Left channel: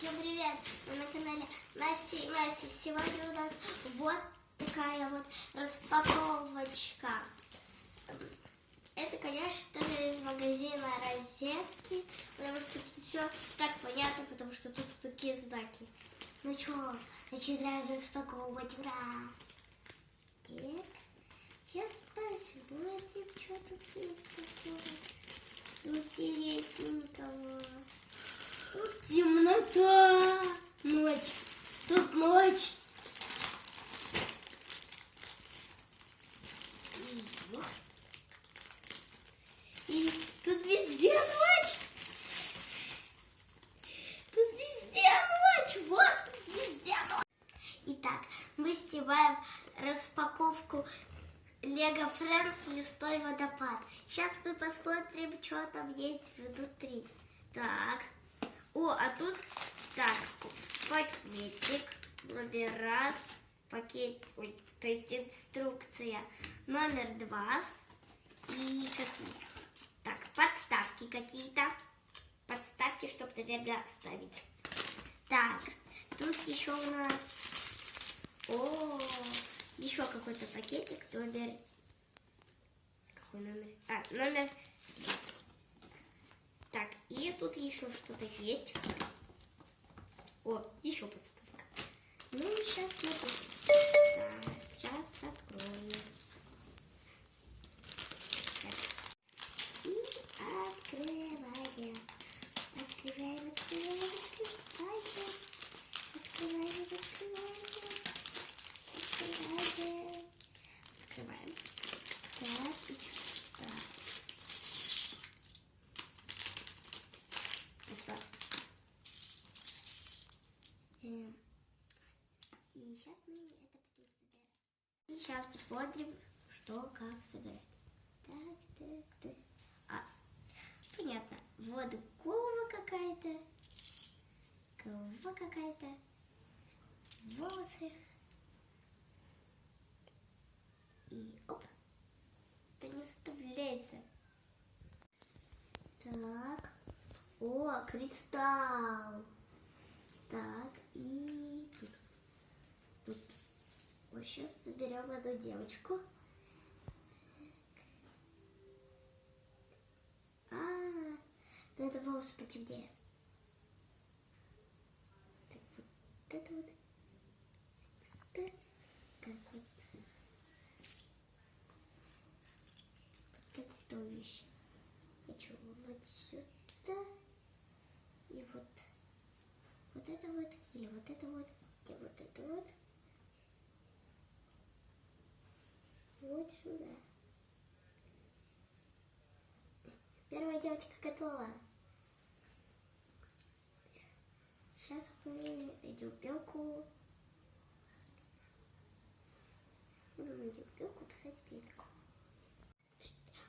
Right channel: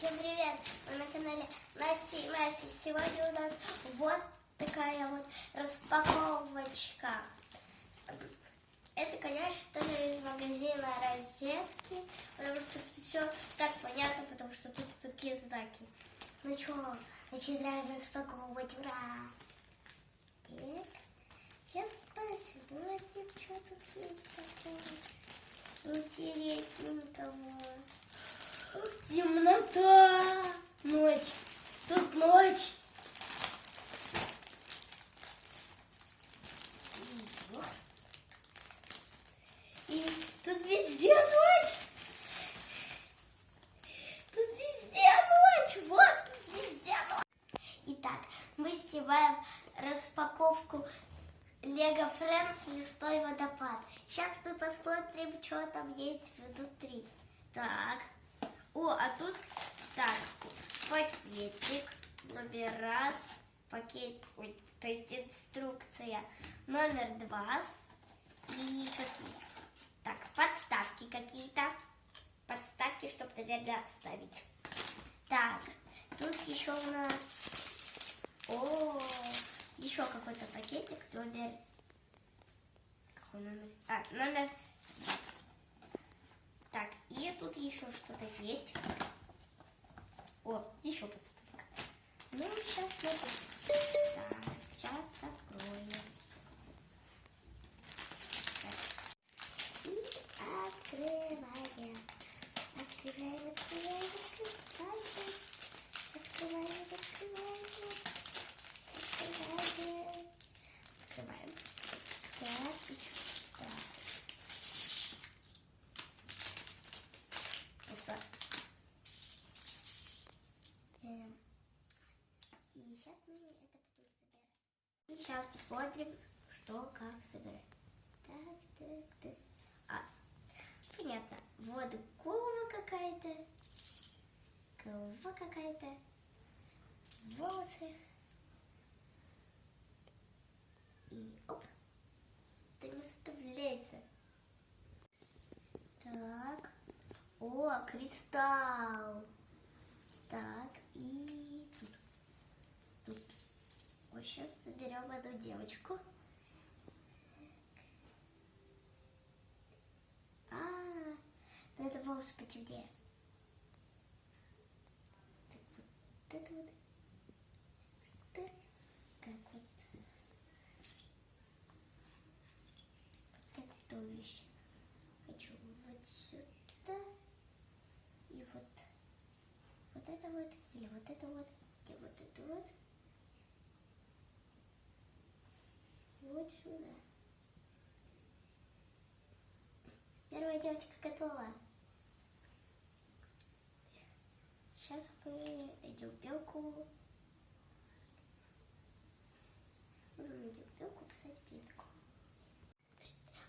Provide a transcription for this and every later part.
Всем привет! Вы на канале Настя и Настя. Сегодня у нас вот такая вот распаковочка. Это, конечно же, из магазина Розетки, потому что тут все так понятно, потому что тут такие знаки. Ну что, начинаем распаковывать, ура! Так, сейчас посмотрим, что тут есть такого интересненького. Темнота, ночь, тут ночь. И тут везде ночь. Тут везде ночь, вот тут везде ночь. Итак, мы снимаем распаковку Lego Friends Лесной водопад. Сейчас мы посмотрим, что там есть внутри. Так. О, а тут так, пакетик, номер раз, пакет, ой, то есть инструкция номер два и какие? Так, подставки какие-то, подставки, чтобы, наверное, вставить. Так, тут еще у нас, еще какой-то пакетик, номер, какой номер? Номер 20. Так, и тут еще что-то есть. О, еще подставка. Ну, сейчас смотрим. Так, сейчас откроем. Так. И открываем. Открываем. Открываем. Так, и что? И сейчас мы это будем собирать. И сейчас посмотрим, что как собирать. Так. Понятно. Вот голова какая-то. Голова какая-то. Волосы. И оп. Это не вставляется. Так. О, кристалл. Так, и тут. Вот сейчас соберем эту девочку. Надо волосы потемнее. Так, вот это вот. Так вот. Вот это туловище. Хочу вот сюда. И вот. Вот это вот, или вот это вот, и вот это вот. Вот сюда. Первая девочка готова. Сейчас мы найдем белку. Найдем белку, посадим ветку.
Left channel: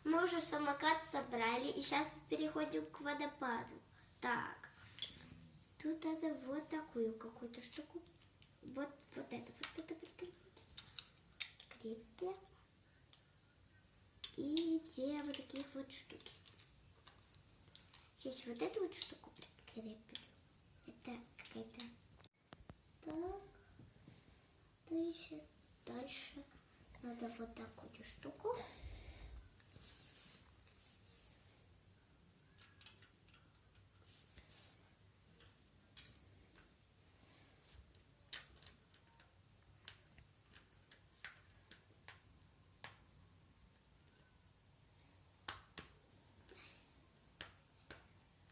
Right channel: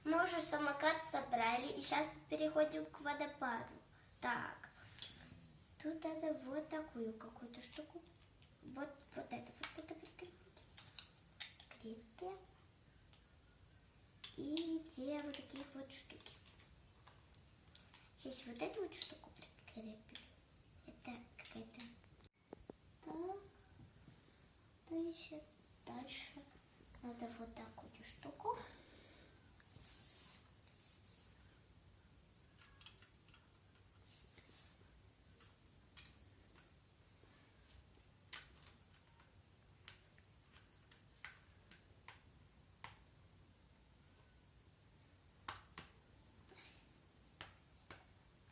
Мы уже самокат собрали, и сейчас переходим к водопаду. Так. Тут надо вот такую какую-то штуку. Вот это прикрепить. Крепим. И две вот таких вот штуки. Здесь вот эту вот штуку прикрепим. Это какая-то. Так. Дальше надо вот такую штуку.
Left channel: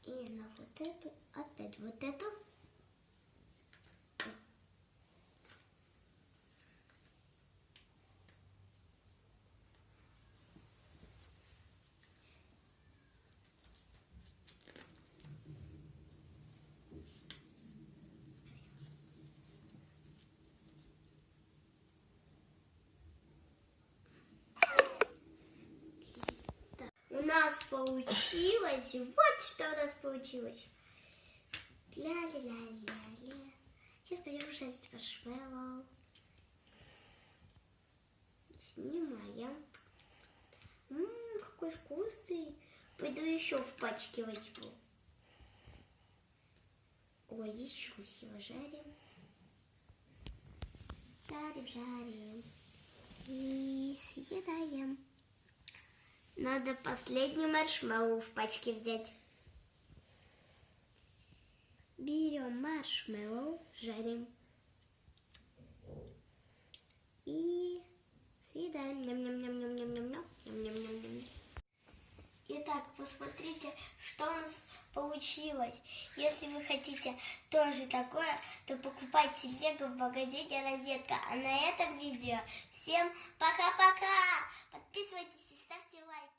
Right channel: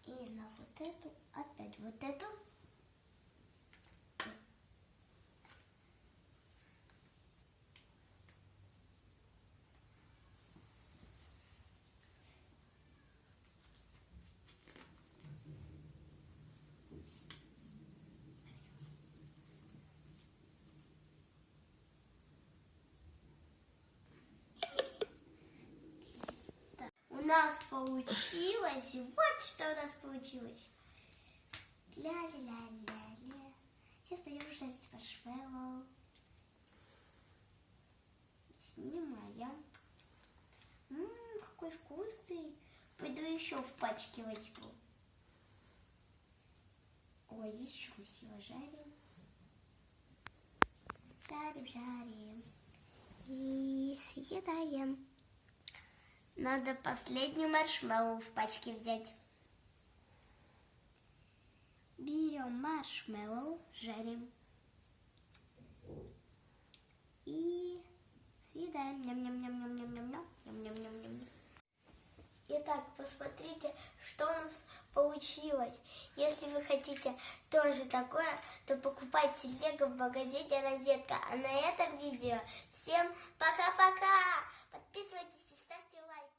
И на вот эту, опять вот эту. У нас получилось, вот что у нас получилось. Ля-ля-ля-ля-ля. Сейчас пойдем жарить маршмеллоу. Снимаем. Какой вкусный. Пойду еще в пачке возьму. еще все жарим. Жарим. И съедаем. Надо последний маршмеллоу в пачке взять. Берем маршмеллоу, жарим. И съедаем. Ням-ням-ням-ням-ням-ням. Итак, посмотрите, что у нас получилось. Если вы хотите тоже такое, то покупайте лего в магазине Розетка. А на этом видео всем пока-пока! Подписывайтесь и ставьте лайки.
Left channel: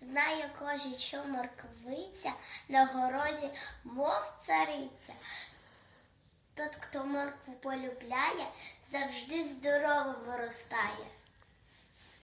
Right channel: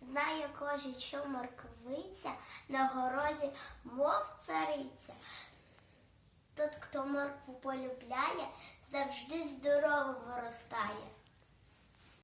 Знає кожен, що морквиця на городі, мов цариця. Тот, хто моркву полюбляє, завжди здоровим виростає.